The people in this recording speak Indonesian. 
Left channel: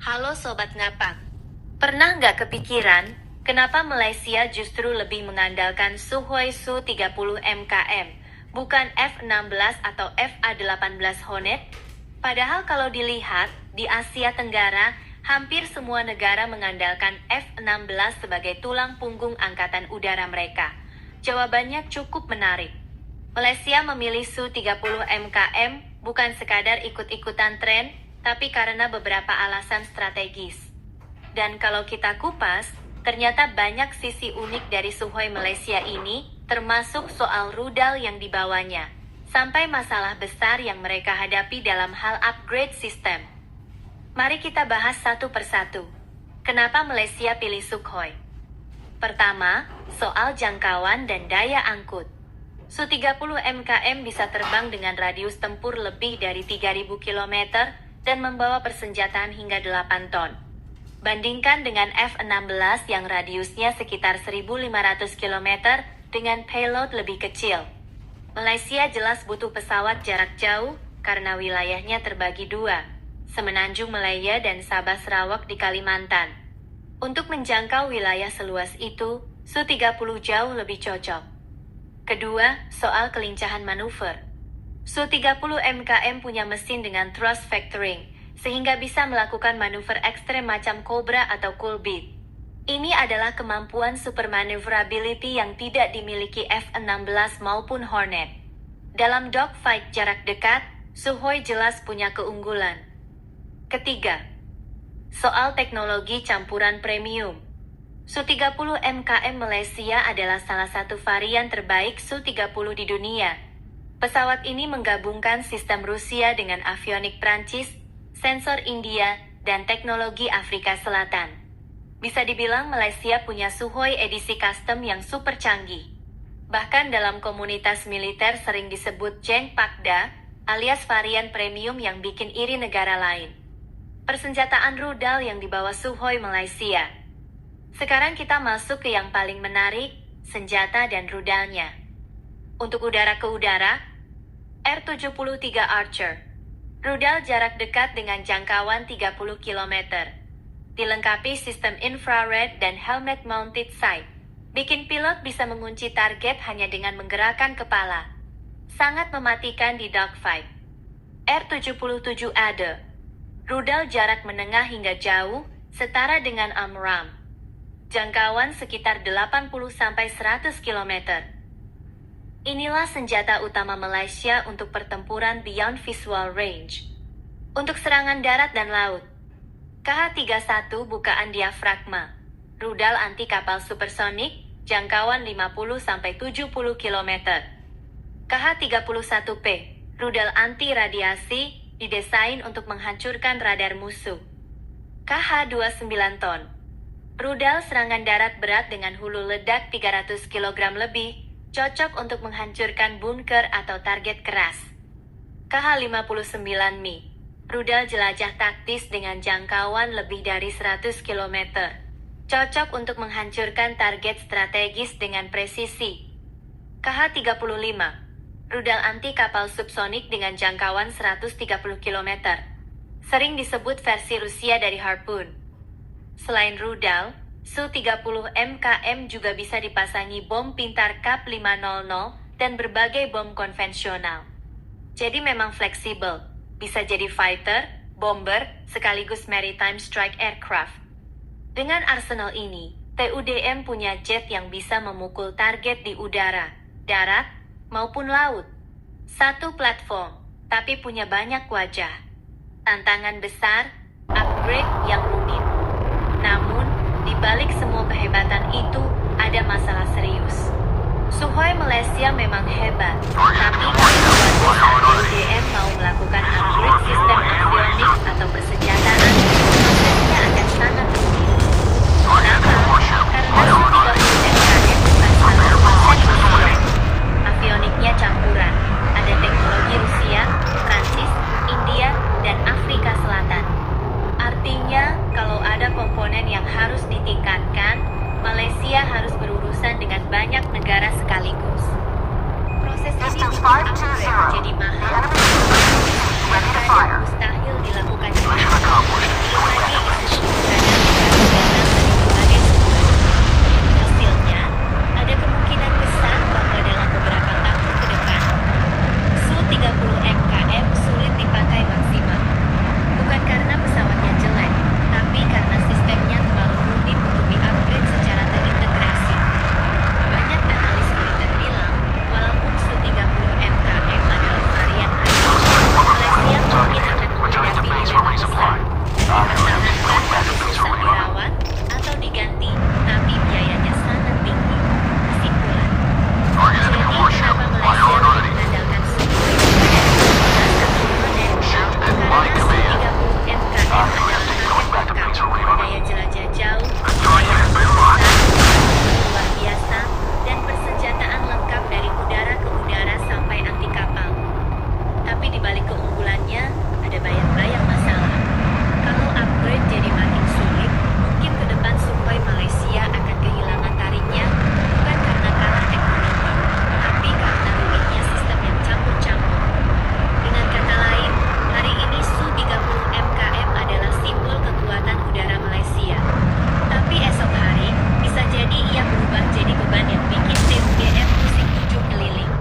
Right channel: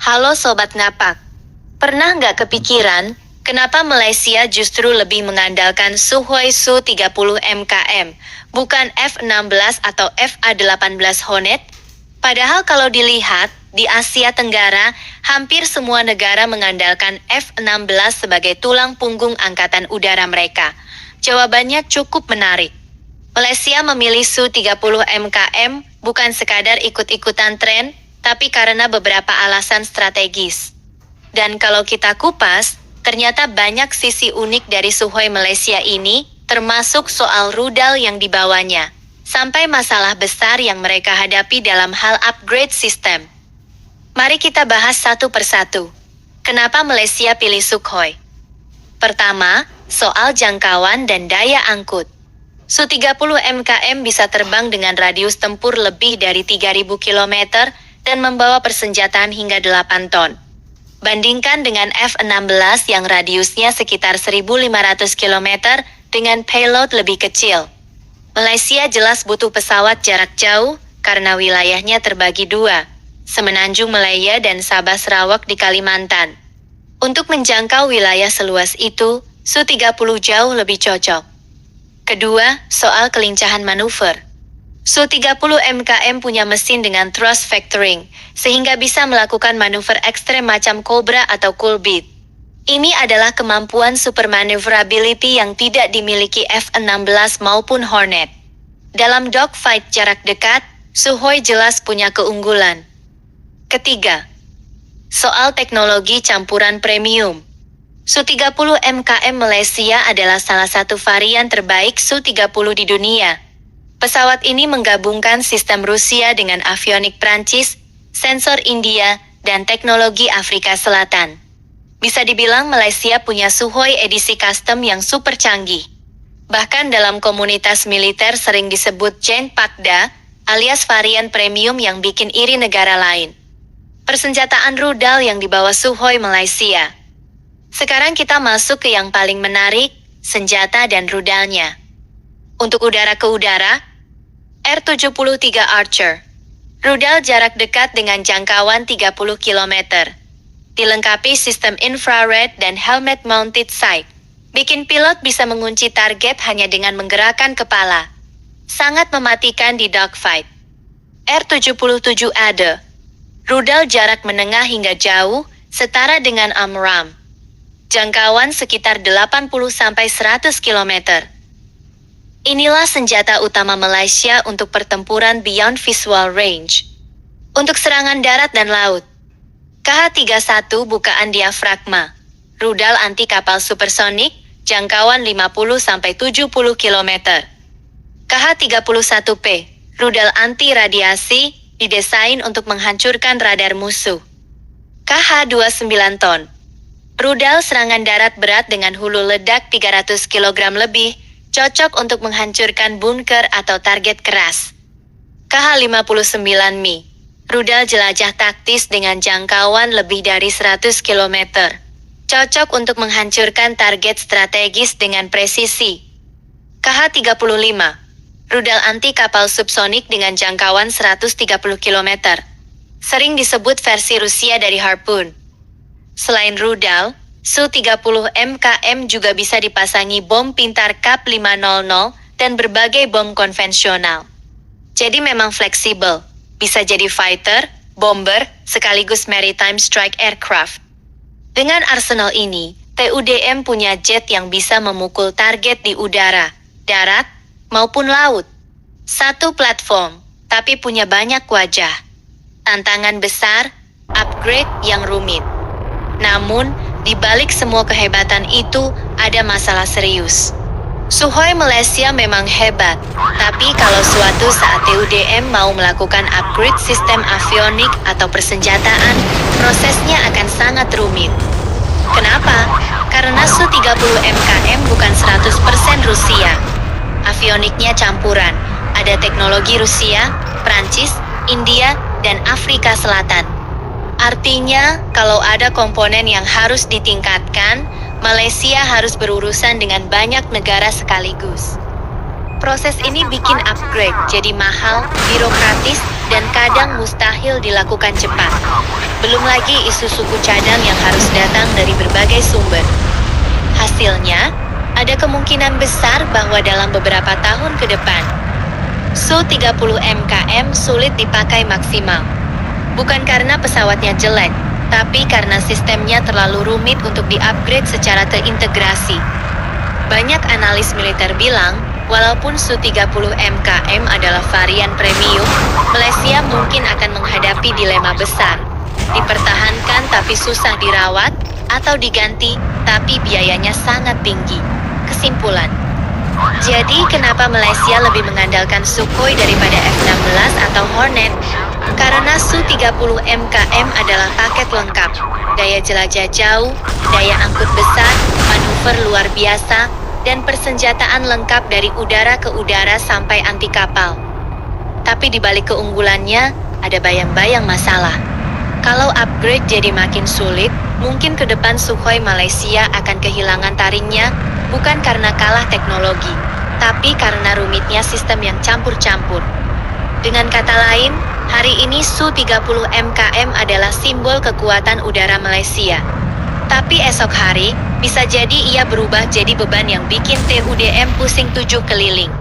Halo Sobat Ngapak, pernah nggak kepikiran kenapa Malaysia justru lebih mengandalkan Sukhoi Su-30 MKM, bukan F-16 atau FA-18 Hornet? Padahal kalau dilihat, di Asia Tenggara, hampir semua negara mengandalkan F-16 sebagai tulang punggung angkatan udara mereka. Jawabannya cukup menarik. Malaysia memilih Su-30 MKM bukan sekadar ikut-ikutan tren, tapi karena beberapa alasan strategis. Dan kalau kita kupas, ternyata banyak sisi unik dari Sukhoi Malaysia ini, termasuk soal rudal yang dibawanya, sampai masalah besar yang mereka hadapi dalam hal upgrade sistem. Mari kita bahas satu persatu. Kenapa Malaysia pilih Sukhoi? Pertama, soal jangkauan dan daya angkut. Su-30 MKM bisa terbang dengan radius tempur lebih dari 3.000 km dan membawa persenjataan hingga 8 ton. Bandingkan dengan F-16 yang radiusnya sekitar 1.500 km dengan payload lebih kecil. Malaysia jelas butuh pesawat jarak jauh karena wilayahnya terbagi dua, Semenanjung Malaya dan Sabah Sarawak di Kalimantan. Untuk menjangkau wilayah seluas itu, Su-30 jauh lebih cocok. Kedua, soal kelincahan manuver. Su-30 MKM punya mesin dengan thrust vectoring, sehingga bisa melakukan manuver ekstrem macam Cobra atau Kulbit. Ini adalah kemampuan super maneuverability yang tidak dimiliki F-16 maupun Hornet. Dalam dogfight jarak dekat, Sukhoi jelas punya keunggulan. Ketiga, soal teknologi campuran premium. Su-30 MKM Malaysia adalah salah satu varian terbaik Su-30 di dunia. Pesawat ini menggabungkan sistem Rusia dengan avionik Prancis, sensor India, dan teknologi Afrika Selatan. Bisa dibilang Malaysia punya Sukhoi edisi custom yang super canggih. Bahkan dalam komunitas militer sering disebut Jeng Pakda, alias varian premium yang bikin iri negara lain. Persenjataan rudal yang dibawa Sukhoi Malaysia. Sekarang kita masuk ke yang paling menarik, senjata dan rudalnya. Untuk udara ke udara, R-73 Archer. Rudal jarak dekat dengan jangkauan 30 km. Dilengkapi sistem infrared dan helmet mounted sight. Bikin pilot bisa mengunci target hanya dengan menggerakkan kepala. Sangat mematikan di dogfight. R-77 ADE. Rudal jarak menengah hingga jauh, setara dengan AMRAAM. Jangkauan sekitar 80-100 km. Inilah senjata utama Malaysia untuk pertempuran beyond visual range. Untuk serangan darat dan laut, KH-31 bukaan diafragma, rudal anti kapal supersonik, jangkauan 50-70 km. KH-31P, rudal anti radiasi, didesain untuk menghancurkan radar musuh. KH-29 ton, rudal serangan darat berat dengan hulu ledak 300 kg lebih, cocok untuk menghancurkan bunker atau target keras. KH-59Mi, rudal jelajah taktis dengan jangkauan lebih dari 100 km. Cocok untuk menghancurkan target strategis dengan presisi. KH-35, rudal anti kapal subsonik dengan jangkauan 130 km. Sering disebut versi Rusia dari Harpoon. Selain rudal, Su-30 MKM juga bisa dipasangi bom pintar KAP-500 dan berbagai bom konvensional. Jadi memang fleksibel, bisa jadi fighter, bomber, sekaligus maritime strike aircraft. Dengan arsenal ini, TUDM punya jet yang bisa memukul target di udara, darat, maupun laut. Satu platform, tapi punya banyak wajah. Tantangan besar, upgrade yang rumit. Namun, di balik semua kehebatan itu, ada masalah serius. Sukhoi Malaysia memang hebat, tapi kalau suatu saat TUDM mau melakukan upgrade sistem avionik atau persenjataan, prosesnya akan sangat rumit. Kenapa? Karena Su-30 MKM bukan 100% Rusia. Avioniknya campuran, ada teknologi Rusia, Prancis, India, dan Afrika Selatan. Artinya, kalau ada komponen yang harus ditingkatkan, Malaysia harus berurusan dengan banyak negara sekaligus. Proses ini bikin upgrade jadi mahal, birokratis, dan kadang mustahil dilakukan cepat. Belum lagi lagi isu suku cadang yang harus datang dari berbagai sumber. Hasilnya, ada kemungkinan besar bahwa dalam beberapa tahun ke depan, Su-30 MKM sulit dipakai maksimal. Bukan karena pesawatnya jelek, tapi karena sistemnya terlalu rumit untuk di-upgrade secara terintegrasi. Banyak analis militer bilang, walaupun Su-30 MKM adalah varian premium, Malaysia mungkin akan menghadapi dilema besar. Dipertahankan tapi susah dirawat, atau diganti, tapi biayanya sangat tinggi. Kesimpulan. Jadi kenapa Malaysia lebih mengandalkan Sukhoi daripada F-16 atau Hornet? Karena Su-30 MKM adalah paket lengkap. Daya jelajah jauh, daya angkut besar, manuver luar biasa, dan persenjataan lengkap dari udara ke udara sampai anti kapal. Tapi di balik keunggulannya, ada bayang-bayang masalah. Kalau upgrade jadi makin sulit, mungkin ke depan Sukhoi Malaysia akan kehilangan taringnya, bukan karena kalah teknologi, tapi karena rumitnya sistem yang campur-campur. Dengan kata lain, hari ini Su-30 MKM adalah simbol kekuatan udara Malaysia. Tapi esok hari, bisa jadi ia berubah jadi beban yang bikin TUDM pusing 7 keliling.